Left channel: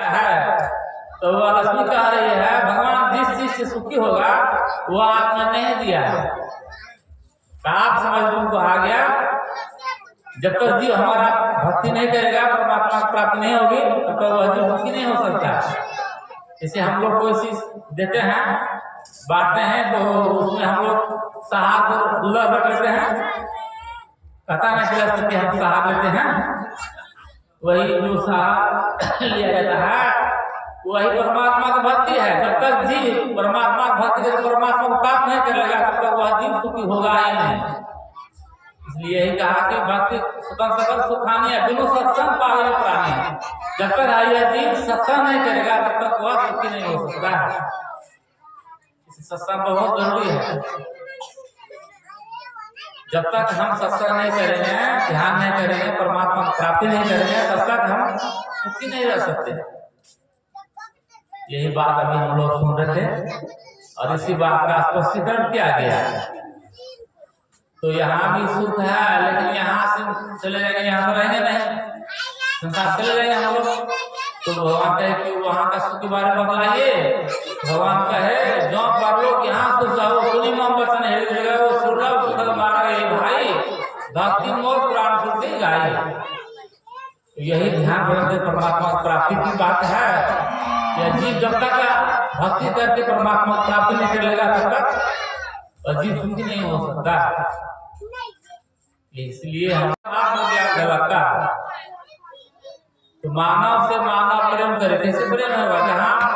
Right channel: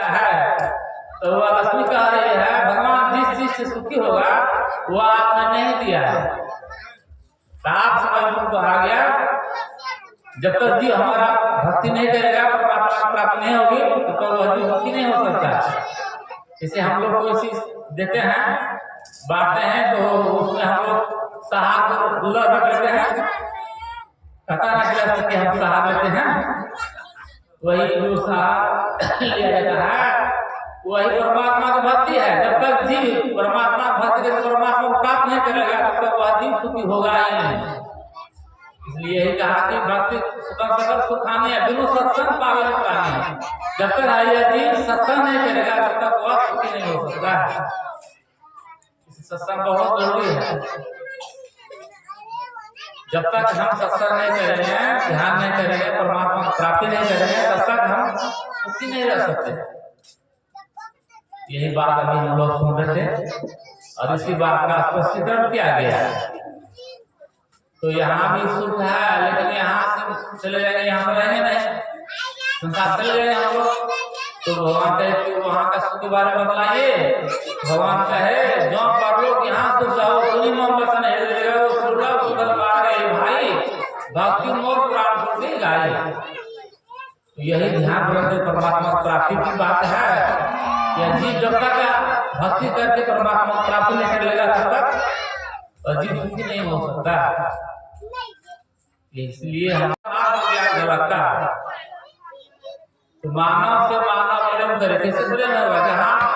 है। तो वह लक्ष्मी कह रही है भगवान जिस चीज से सुखी होगा वो आपने नहीं दिया है। आप समझ तुमको आ गया। जब तक जीव हमारा भक्ति नहीं करेगा, परमात्मा की प्राप्ति नहीं होगी, तब तक वह जीव सुखी नहीं हो सकता है। जैसे हम लोग कोई चीज देते हैं, बांटते हैं, तो उसमें हम लोग सहार को रख लेते हैं, पता नहीं चला कि हम सहार लेते हैं। वही जो सहार लिया जाता है वही परमात्मा की भक्ति है। जब तक जीव परमात्मा की भक्ति करके परमात्मा को प्राप्त नहीं कर लेगा, तब तक वह जीव सुखी होगा ही नहीं। इसलिए यही कहा कि भक्ति सुख सकल सुखानी है, बिनु सत्संग पावे प्राणी है। जब तक यह जीव सत्संग नहीं करेगा, तब तक वह सुखी नहीं हो सकता है। सत्संग बहुत जरूरी है। जब तक हम सत्संग नहीं करेंगे, ध्यान नहीं करेंगे, परमात्मा की प्राप्ति नहीं करेंगे, तब तक हम सुखी नहीं रह सकते। यही बात अभी हम लोग सुन रहे थे और इसी बात का स्पष्टीकरण किया गया है। तो यहाँ भी सुख है, लेकिन यहाँ से चले जाएंगे, यहाँ पर रहेंगे नहीं, संसार चले जाएंगे हम लोग। तो भगवान कहे कि वहाँ का सुख के बारे में बतलाइए। भगवान कहे जो पर लोग यहाँ सुख जाओ सुनी मम वचन हृदय वो सुलभ सुखद मार गए भाई भक्ति मोर पुराण सुनते गाई। तो यही ध्यान रखते परमात्मा की प्राप्ति की बात है। यह जीव जब तक भक्ति करके परमात्मा की प्राप्ति नहीं कर लेगा, तब तक अजीब सुखी नहीं हो सकता। इसलिए हम आत्मज्ञान झलकता है। तो मानव से मानव प्रेम करे, कैसे प्रेम होगा? जहाँ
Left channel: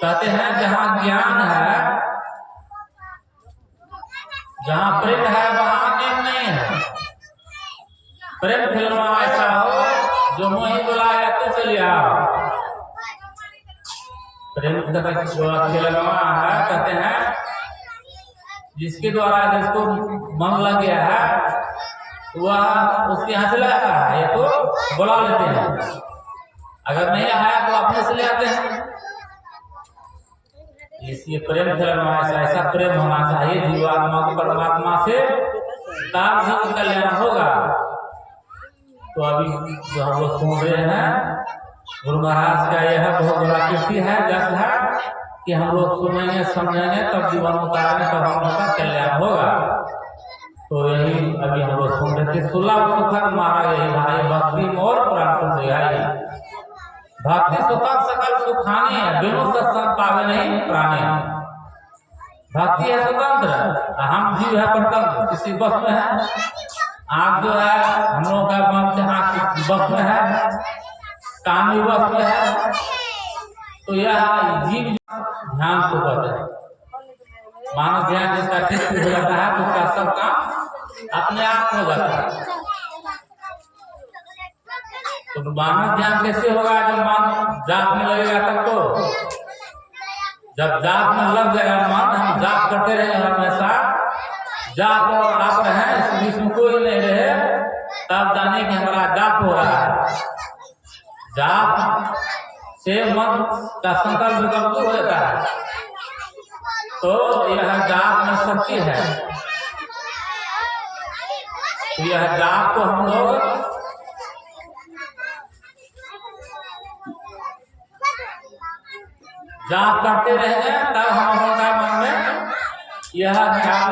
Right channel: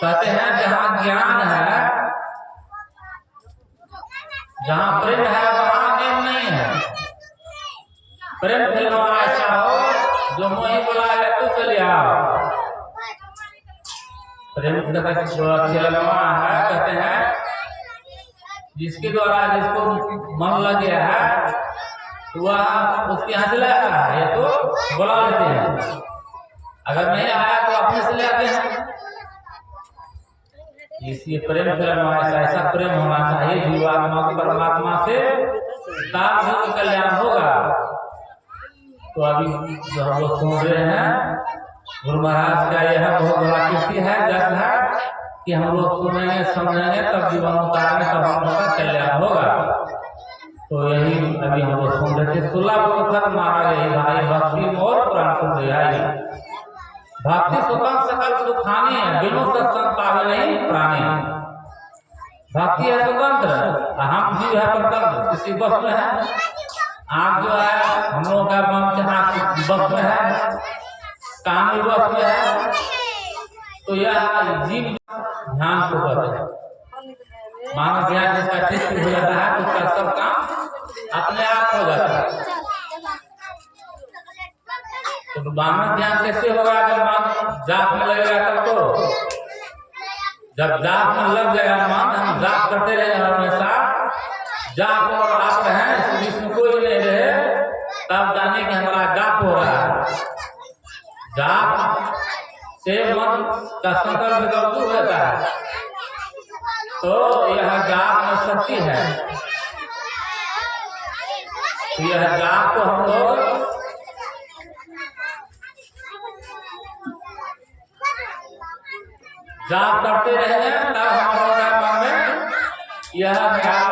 कहते हैं जहाँ ज्ञान है, जहाँ प्रेम है वहाँ नेम नहीं है। प्रेम खेलना ऐसा हो जो मोही बुलाया तो चलिए आओ। प्रेम खेलना है, कहते हैं जिसके द्वारा जिसको मन लग गया है वह उसके यहाँ से ले आता है, ये तो बुला लेते हैं। अगर नहीं आया तो अपने से ले आते हैं। इसलिए प्रेम खेलना ऐसा प्रेम होना चाहिए जीवात्मा को परमात्मा से, तब कल्याण होगा। तो अभी जो हम लोग सुन रहे हैं गुरु महाराज का यह बहुत बड़ा कीर्ति है, जस है कि हम लोग सुनेंगे समझेंगे तब जीवन उतारेंगे, तब हम लोग का कल्याण होगा। तो यही अभी हम लोग सुन रहे थे, सुलभ सुखद मारा यही भाई भक्ति मोर पुराण सुन दिया। भक्ति स्वतंत्र सकल सुखानी है, बिनु सत्संग पावे नहीं प्राणी। भक्ति है स्वतंत्र, हम जीव है परतंत्र, किसी बस में है। आँख जो है हम लोगों का मन आँख बस में है, कान भी बस में है। तो यह जीव ध्यान को कहते हैं। मानव ध्यान जिसका ठीक हो जाता है तो उसका सब काम अपने आप हो जाता है। तो मानव ध्यान कैसे होगा? जब मन जाप में लगेगा तब। तो जब जाप में लग जाएगा मन, हम जाप करते रहेंगे हमेशा, जाप और आप रहे इस बीच में कोई नहीं रहे, तब जाने कि हमारा जाप हो रहा है। जाप से मन का संकल्प विकल्प हो जाता है। तो यह जाप में शक्ति है। तो यह जाप को हम लोग जाप करते रहेंगे, तब हम लोगों का मन में यह जाप।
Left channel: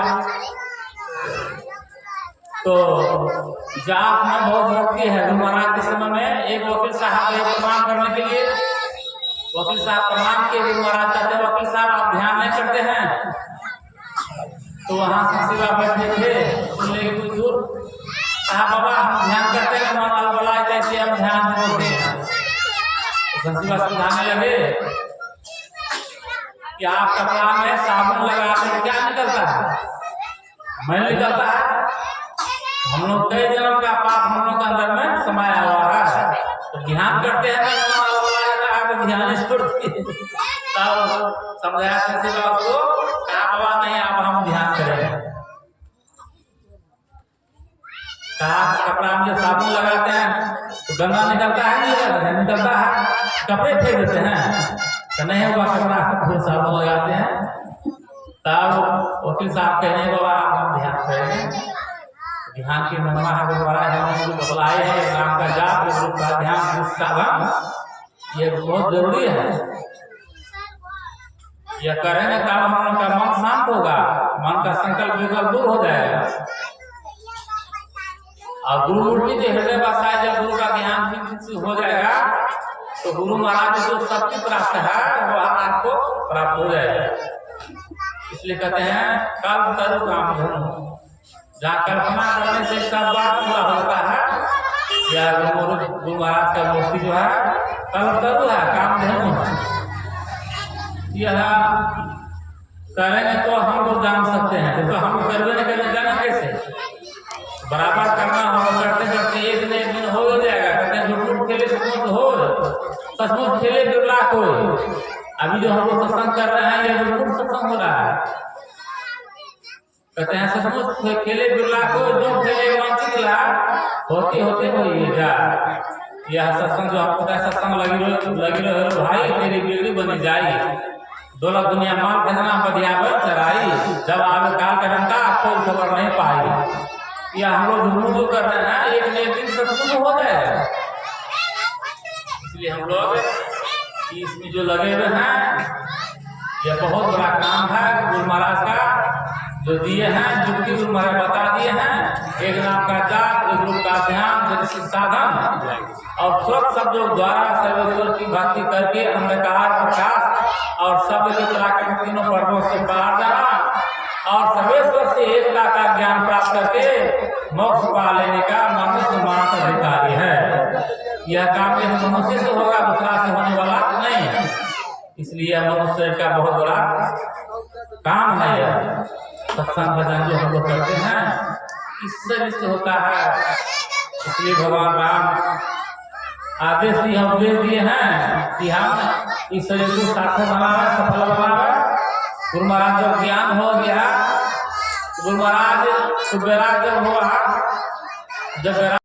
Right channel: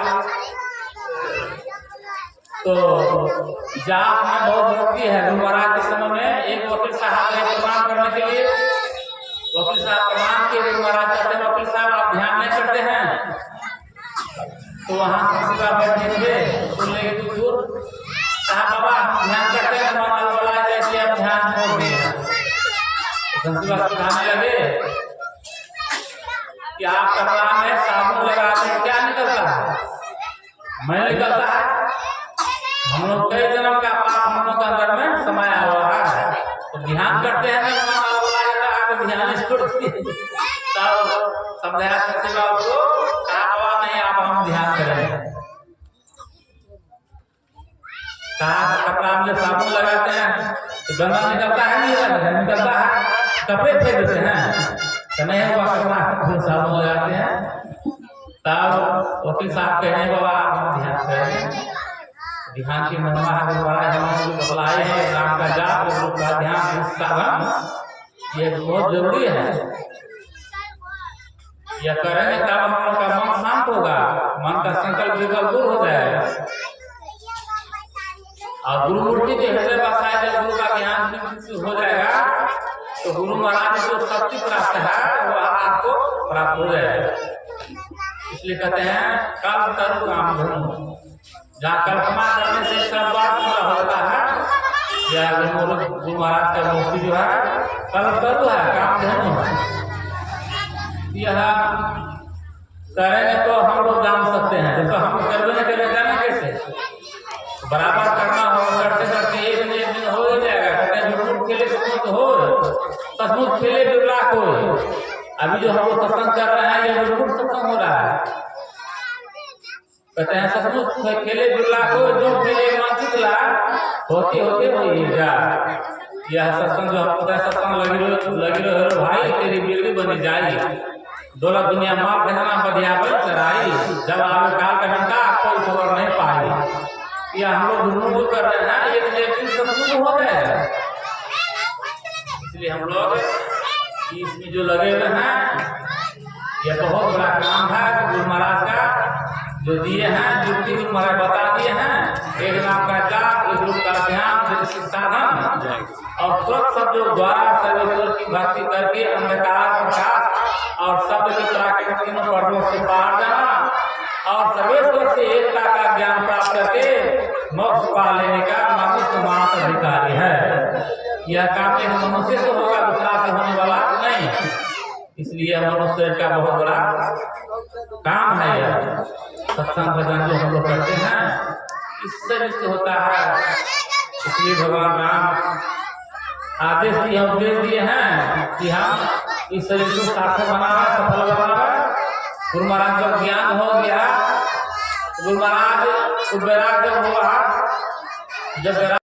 तो जाप में बहुत भक्ति है। गुरु महाराज के समय में एक वकील साहब को प्रणाम करने के लिए, वकील साहब प्रणाम किए। गुरु महाराज कहते हैं वकील साहब आप ध्यान नहीं करते हैं? तो वहाँ से शिवा बैठे थे, सुन लेंगे कुछ दूर, कहा बाबा हम ध्यान करते हैं, मन अलबला जैसे हम ध्यान छोड़ दिए। शिवा समझाने लगे कि आप कपड़ा में साबुन लगा के क्या निकलता है? मैल निकलता है। हम लोग कई जन्म का पाप हम लोग के अंदर में समाया हुआ है। तो ध्यान करते हैं ना, मन अलबला जाता है तो ध्यान छोड़ दिए। तब समझाया शिवा उसको, कहा बाबा नहीं आप हम ध्यान करेंगे। कहा कपड़ा में जब साबुन लगाते हैं तो गंदा निकलता है, नहीं निकलता है, कपड़े फेंक देते हैं तो नहीं होगा कपड़ा, फिर साबुन लगाते हैं। तब वकील साहब कह रहे बाबा आप हम ध्यान करेंगे। ध्यान की महिमा है, गुरु महाराज हमें जो बतलाए हैं, एक नाम का जाप, एक रूप का ध्यान, इस साधन ये बहुत जरूरी है। यह करेंगे तब हम लोग का मन शांत होगा, मन का संकल्प विकल्प दूर हो जाएगा। और गुरु मूर्ति जो हृदय बसाए, जब गुरु का ध्यान हो जाएगा तो गुरु महाराज जो शक्ति प्राप्त है वह आपको प्राप्त हो जाएगा। इसलिए कहते हैं कल्प तरु काम धनु, जहाँ कल्पना करने से सब बात पूरा होता है। यह गुरु महाराज का मूर्ति जो है कल्प तरु है, काम धनु है। यह करेंगे तो हम लोग जान सकते हैं, तो हम करवे नहीं करेंगे जाने कैसे? बराबर करना होगा, करते करते एक न एक दिन हो ही जाएगा। कहते हैं झूठ खेले सचमुच हो, सचमुच खेले बिरलाक हो। अभी जो हम लोग सत्संग कर रहे हैं ये झूठ सत्संग हो रहा है। कहते हैं सचमुच खेले बिरलाक हो, जो खेले मानसिक ला होते होते होइएगा। यह सत्संग जो हमको सत्संग लगी रहो भाई, तेरी बिगड़ी बनी जाई, दौलत दुनिया माल खजना बधिया बल चराई, जब आवे काल का डंडा कोई खबर नहीं पाई। यह हम लोग झूठ जो कर रहे हैं एक न एक दिन सचमुच हो जाएगा। इसलिए हम लोग इसमें जो लगे हुए हैं, यह बहुत बड़ा काम है गुरु महाराज का जो दिए हैं, युक्ति गुरु महाराज बता दिए हैं। एक नाम का जाप, एक रूप का ध्यान, साधन और स्वच्छ शब्दों द्वारा सर्वेश्वर की भक्ति करके अंधकार प्रकाश और शब्द के प्राकृतिक तीनों पर्वों से पार जाना और सर्वेश्वर से एकता का ज्ञान प्राप्त करके मोक्ष पा लेने का मनुष्य मात्र अधिकारी है। यह काम एक मनुष्य से होगा, दूसरा से होने वाला नहीं है। इसलिए मनुष्य का बहुत बड़ा काम है। यह सत्संग भजन जो हम लोग करते हैं इससे से होता है। इसलिए भगवान राम आदेश दिए, हम उपदेश दिए हैं कि हम इस शरीर को सार्थक बनाना, सफल बनाना। गुरु महाराज जब ज्ञान हो गया, गुरु महाराज को वैराग्य जब हुआ, जब